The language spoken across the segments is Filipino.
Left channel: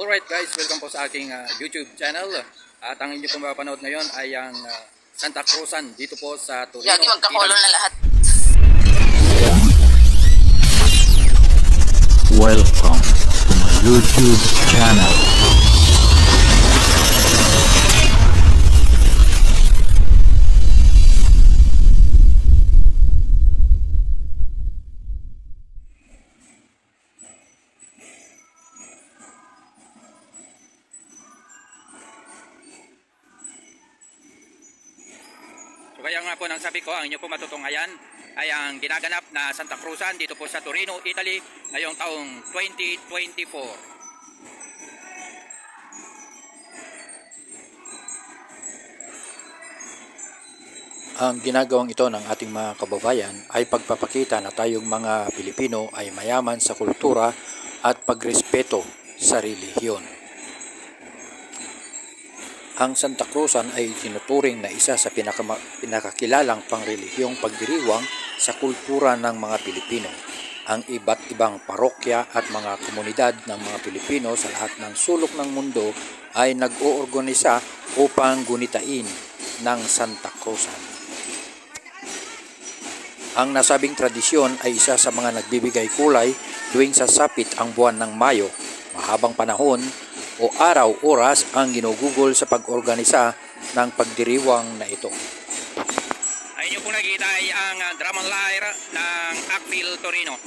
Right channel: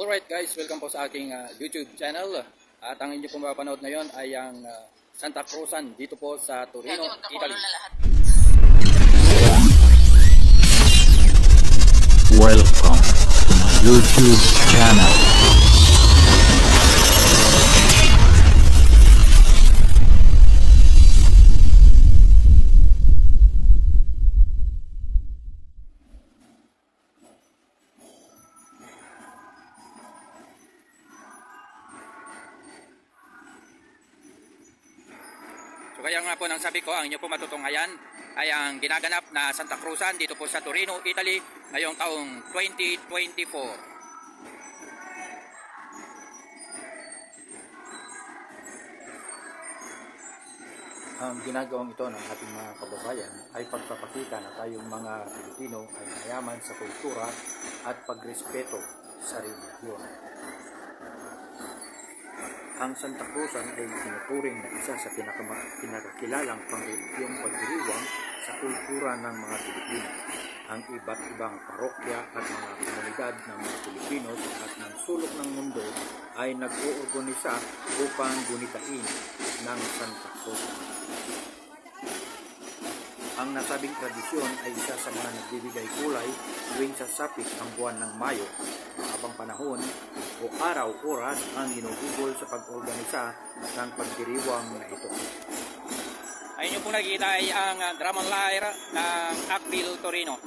Alright guys, welcome po sa aking YouTube channel. At ang inyo pong mapapanood ngayon ay ang Santa Cruzan dito po sa Torino, Italy. Na lahat. Welcome to my YouTube channel. So kaya nga po nang sabi ko, ang inyo po matutunghayan ay ang ginaganap na Santa Cruzan dito po sa Torino, Italy ngayong taong 2024. Ang ginagawang ito ng ating mga kababayan ay pagpapakita na tayong mga Pilipino ay mayaman sa kultura at pagrespeto sa relihiyon. Ang Santa Cruzan ay tinuturing na isa sa pinakakilalang pangrelihiyong pagdiriwang sa kultura ng mga Pilipino. Ang iba't ibang parokya at mga komunidad ng mga Pilipino sa lahat ng sulok ng mundo ay nag-oorganisa upang gunitain ng Santa Cruzan. Ang nasabing tradisyon ay isa sa mga nagbibigay kulay tuwing sasapit ang buwan ng Mayo. Mahabang panahon o araw-oras ang ginugugol sa pag-organisa ng pagdiriwang na ito. Ay inyo pong nakikita ay ang drum and lyre ng Akbil Torino.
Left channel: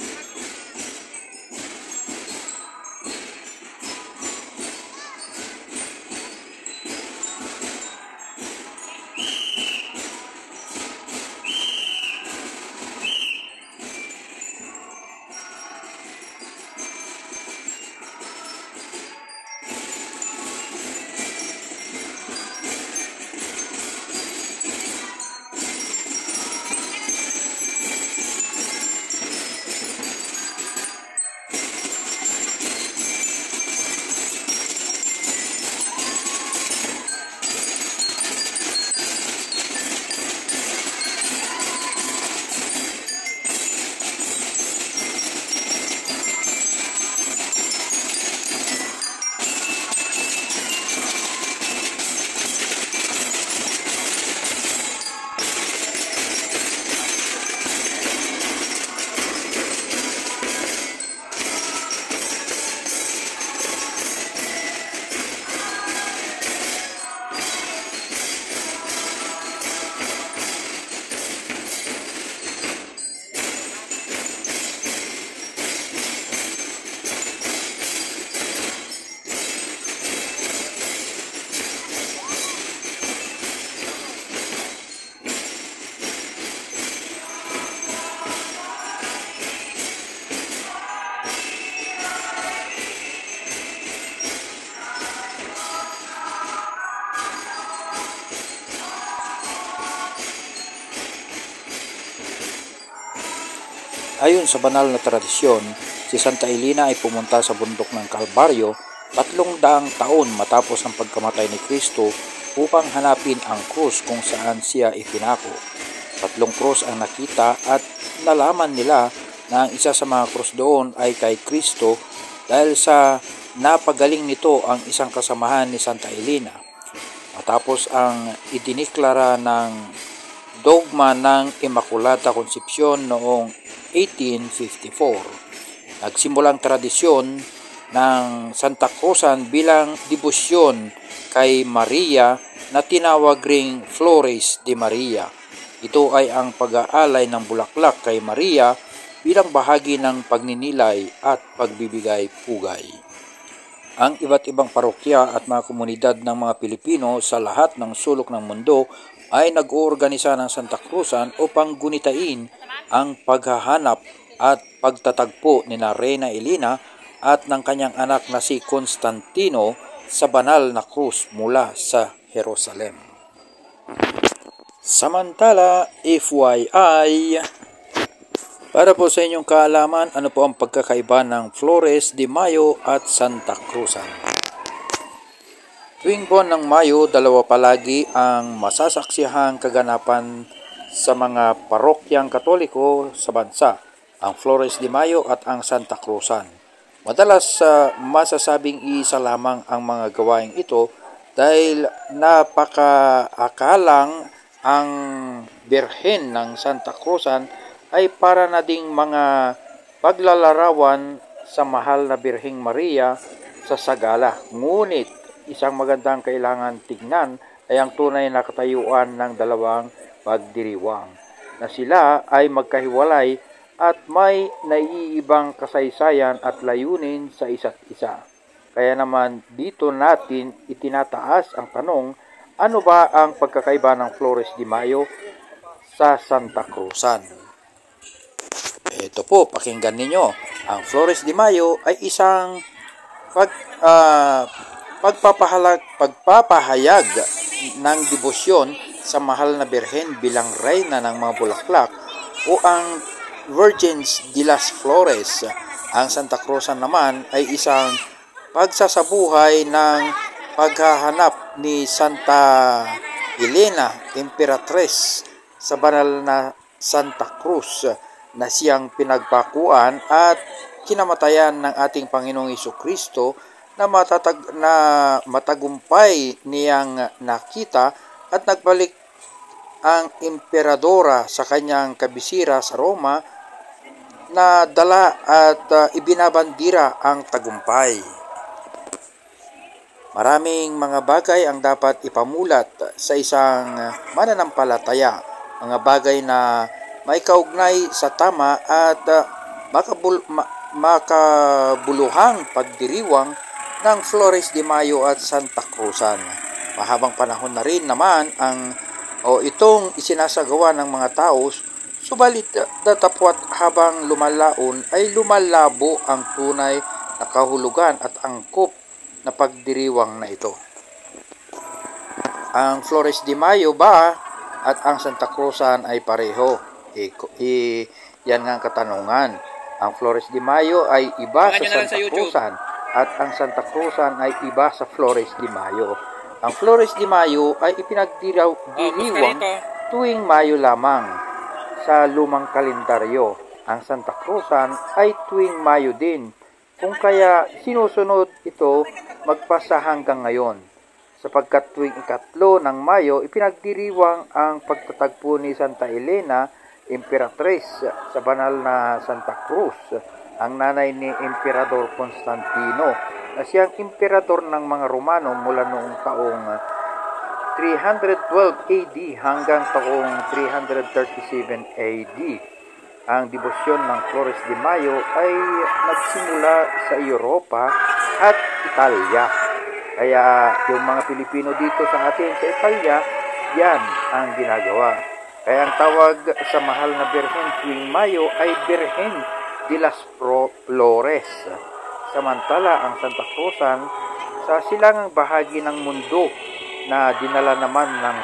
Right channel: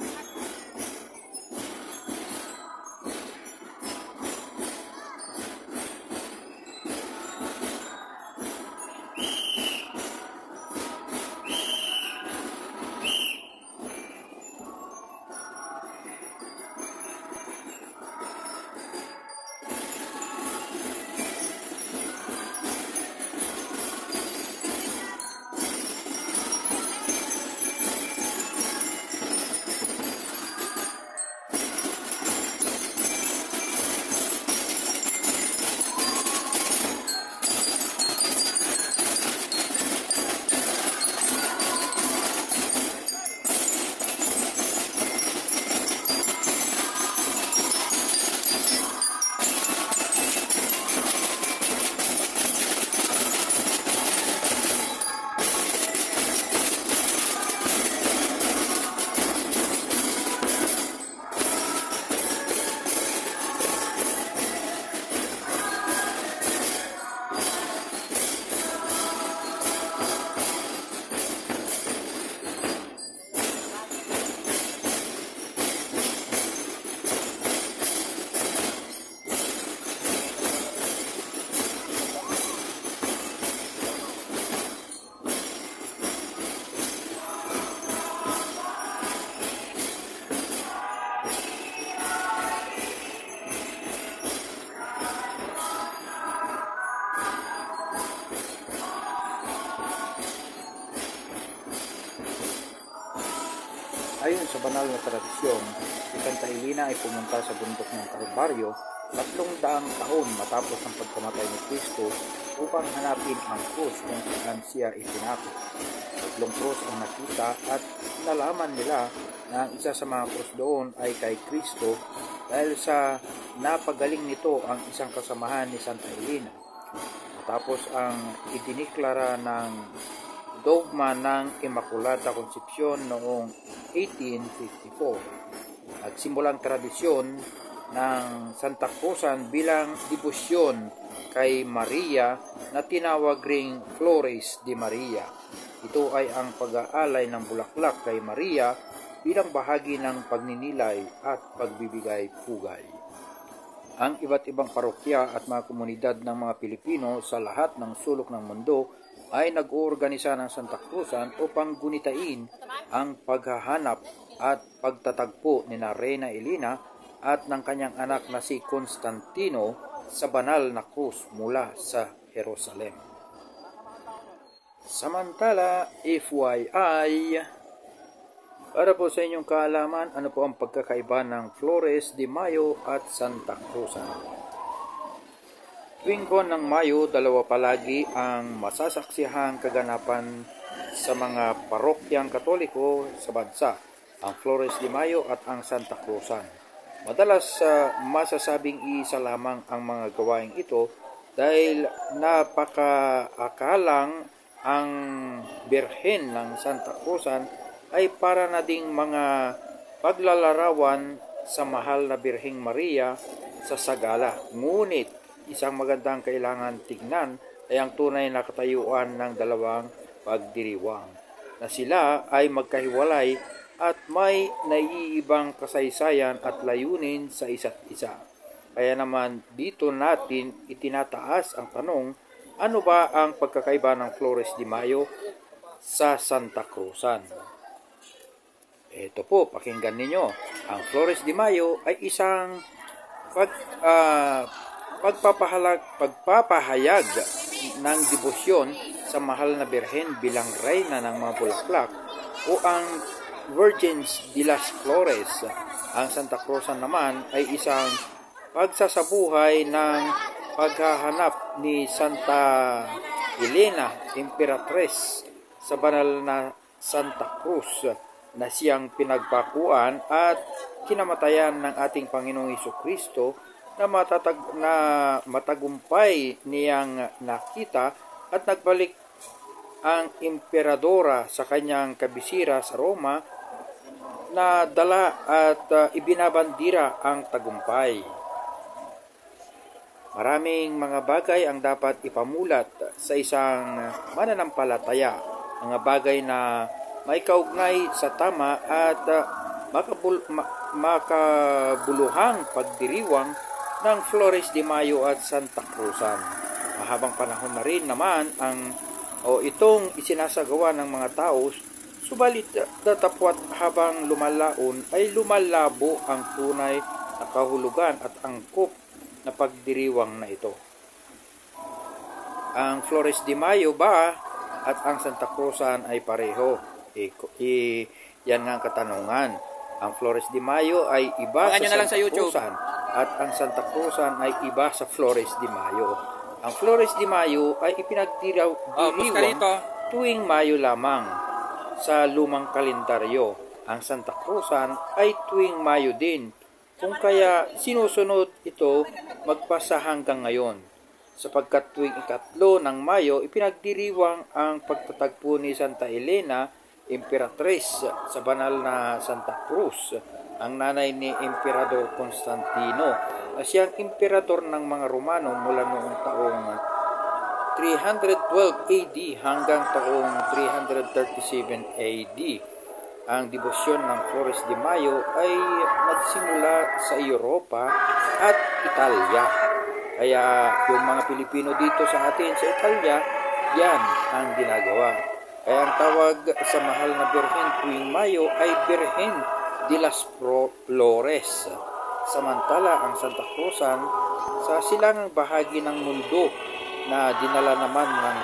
Ayon sa banal na tradisyon, si Santa Elena ay pumunta sa bundok ng Kalbaryo 300 taon matapos ang pagkamatay ni Kristo upang hanapin ang krus kung saan siya ipinako. 3 krus ang nakita at nalaman nila na ang isa sa mga krus doon ay kay Kristo dahil sa napagaling nito ang isang kasamahan ni Santa Elena. Matapos ang idiniklara ng dogma ng Immaculata Concepcion noong 1854. Nagsimulang tradisyon ng Santa Cruzan bilang debosyon kay Maria na tinawag ring Flores de Maria. Ito ay ang pag-aalay ng bulaklak kay Maria bilang bahagi ng pagninilay at pagbibigay pugay. Ang iba't ibang parokya at mga komunidad ng mga Pilipino sa lahat ng sulok ng mundo ay nag-oorganisa ng Santa Cruzan upang gunitain ang paghahanap at pagtatagpo ni Reyna Elena at ng kanyang anak na si Constantino sa banal na krus mula sa Jerusalem. Samantala, FYI, para po sa inyong kaalaman, ano po ang pagkakaiba ng Flores de Mayo at Santa Cruzan? Tuwing buwan ng Mayo, dalawa palagi ang masasaksihang kaganapan sa mga parokyang Katoliko sa bansa, ang Flores de Mayo at ang Santa Cruzan. Madalas masasabing isa lamang ang mga gawaing ito dahil napakaakalang ang Birhen ng Santa Cruzan ay para na ding mga paglalarawan sa mahal na Birheng Maria sa Sagala. Ngunit isang magandang kailangan tignan ay ang tunay na katayuan ng dalawang pagdiriwang na sila ay magkahiwalay at may naiibang kasaysayan at layunin sa isa't isa. Kaya naman dito natin itinataas ang tanong, ano ba ang pagkakaiba ng Flores de Mayo sa Santa Cruzan? Ito po, pakinggan ninyo. Ang Flores de Mayo ay isang pagpapahayag ng debosyon sa mahal na Birhen bilang reyna ng mga bulaklak o ang Virgins de las Flores. Ang Santa Cruzan naman ay isang pagsasabuhay ng paghahanap ni Santa Elena, Imperatriz sa banal na Santa Cruz na siyang pinagpakuan at kinamatayan ng ating Panginoong Hesukristo na matagumpay niyang nakita at nagbalik ang emperadora sa kanyang kabisira sa Roma na dala at ibinabandira ang tagumpay. Maraming mga bagay ang dapat ipamulat sa isang mananampalataya, mga bagay na may kaugnay sa tama at makabuluhang pagdiriwang ng Flores de Mayo at Santa Cruzan. Mahabang panahon na rin naman itong isinasagawa ng mga tao, subalit datapwat habang lumalaon ay lumalabo ang tunay na kahulugan at angkop na pagdiriwang na ito. Ang Flores de Mayo ba at ang Santa Cruzan ay pareho? Yan nga ang katanungan. Ang Flores de Mayo ay iba sa Santa Cruzan at ang Santa Cruzan ay iba sa Flores de Mayo. Ang Flores de Mayo ay ipinagdiriwang tuwing Mayo lamang sa lumang kalendaryo. Ang Santa Cruzan ay tuwing Mayo din, kung kaya sinusunod ito magpasa hanggang ngayon. Sapagkat tuwing 3 ng Mayo, ipinagdiriwang ang pagtatagpo ni Santa Elena, Imperatriz sa banal na Santa Cruz, ang nanay ni Emperador Constantino, na siyang emperador ng mga Romano mula noong taong 312 AD hanggang taong 337 AD. Ang debosyon ng Flores de Mayo ay nagsimula sa Europa at Italia. Kaya yung mga Pilipino dito sa atin sa Italia, yan ang ginagawa. Kaya ang tawag sa mahal na Birhen tuwing Mayo ay Birhen de las Flores. Samantala ang Santa Cruzan sa silangang bahagi ng mundo na dinala naman ng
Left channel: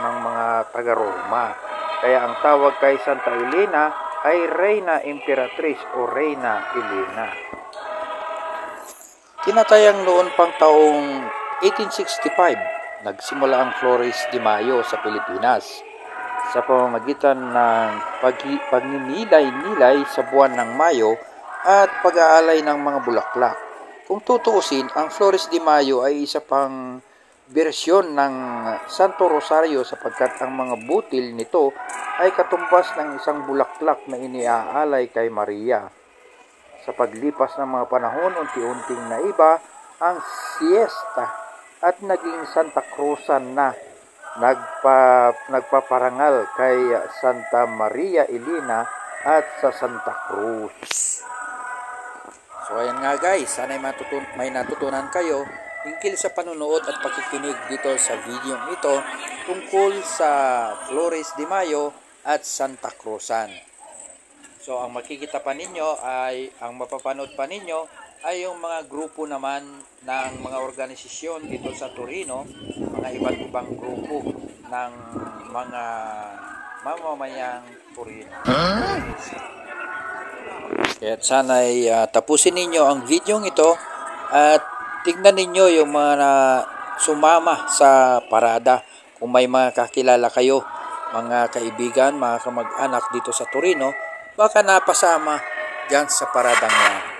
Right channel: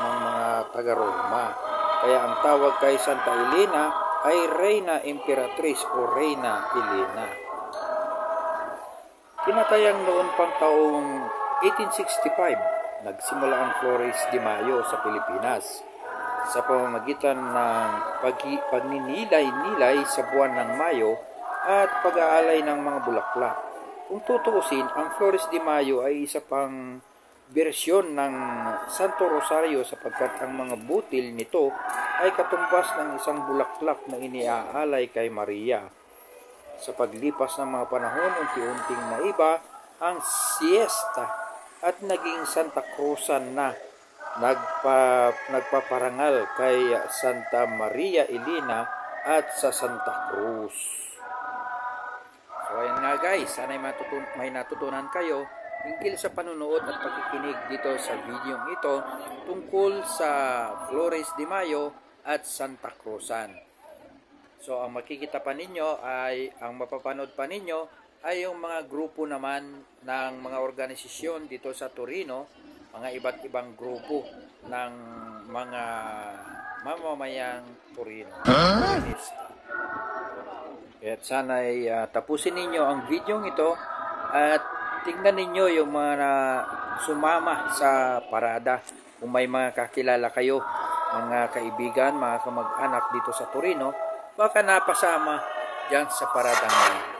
mga taga-Roma. Kaya ang tawag kay Santa Elena ay Reina Imperatriz o Reina Elena. Tinatayang noon pang taong 1865, nagsimula ang Flores de Mayo sa Pilipinas sa pamamagitan ng pagninilay-nilay sa buwan ng Mayo at pag-aalay ng mga bulaklak. Kung tutuusin, ang Flores de Mayo ay isa pang bersyon ng Santo Rosario sapagkat ang mga butil nito ay katumbas ng isang bulaklak na iniaalay kay Maria. Sa paglipas ng mga panahon, unti-unting naiba ang siesta at naging Santa Cruzan na nagpaparangal kay Santa Maria Elena at sa Santa Cruz. So ayan nga guys, sana may natutunan kayo hinggil sa panunood at pakikinig dito sa video ito tungkol sa Flores de Mayo at Santa Cruzan. So ang makikita pa ninyo ang mapapanood pa ninyo ay yung mga grupo naman ng mga organisasyon dito sa Torino, mga iba't ibang grupo ng mga mamamayang Torino. Kaya sana'y tapusin ninyo ang video ito at tignan ninyo yung mga sumama sa parada. Kung may mga kakilala kayo, mga kaibigan, mga kamag-anak dito sa Torino, baka napasama dyan sa paradang yan.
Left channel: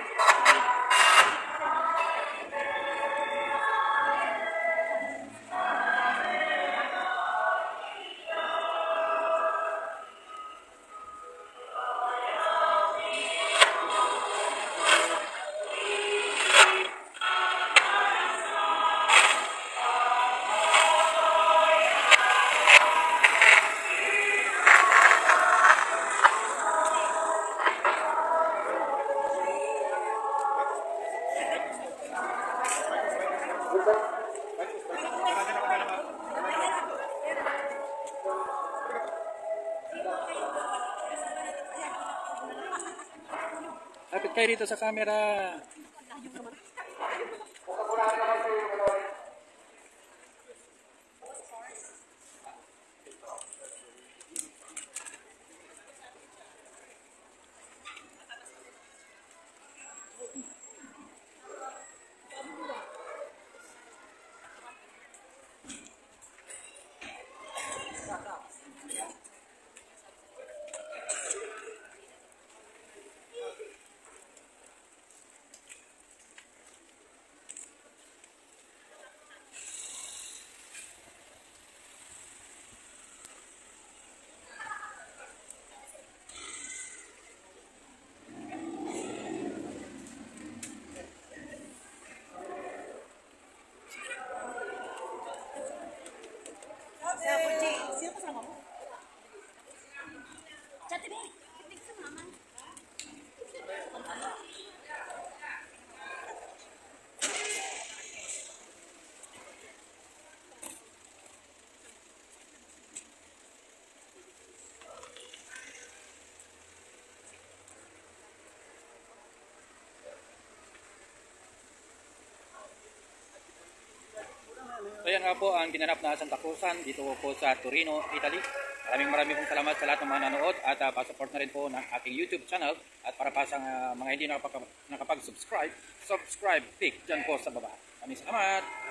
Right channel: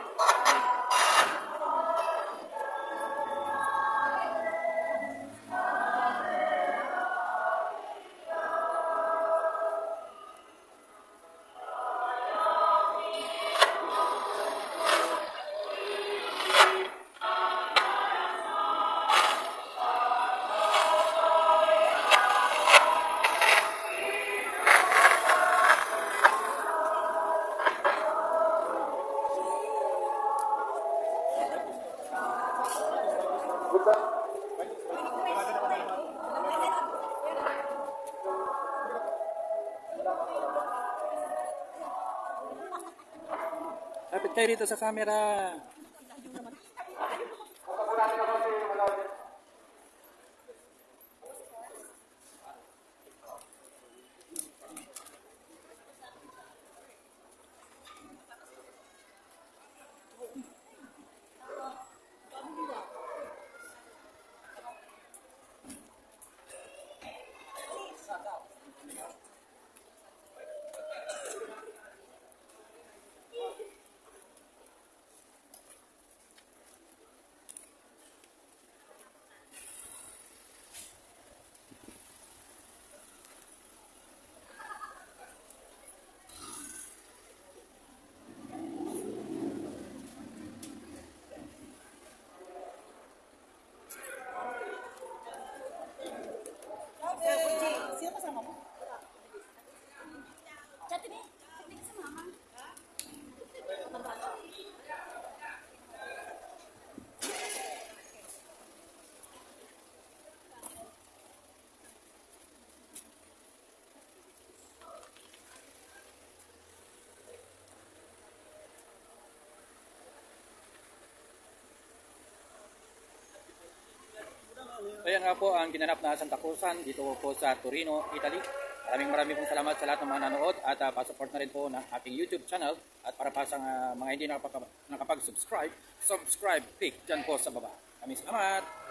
Lapit kayo dito sa camera. So yan nga po ang ginanap na Santa Cruzan dito po sa Torino, Italy. Maraming pong salamat sa lahat ng mga nanood at pa-support na rin po ng aking YouTube channel at para pa sa mga hindi nakapag-subscribe, subscribe, click dyan po sa baba. Maraming salamat!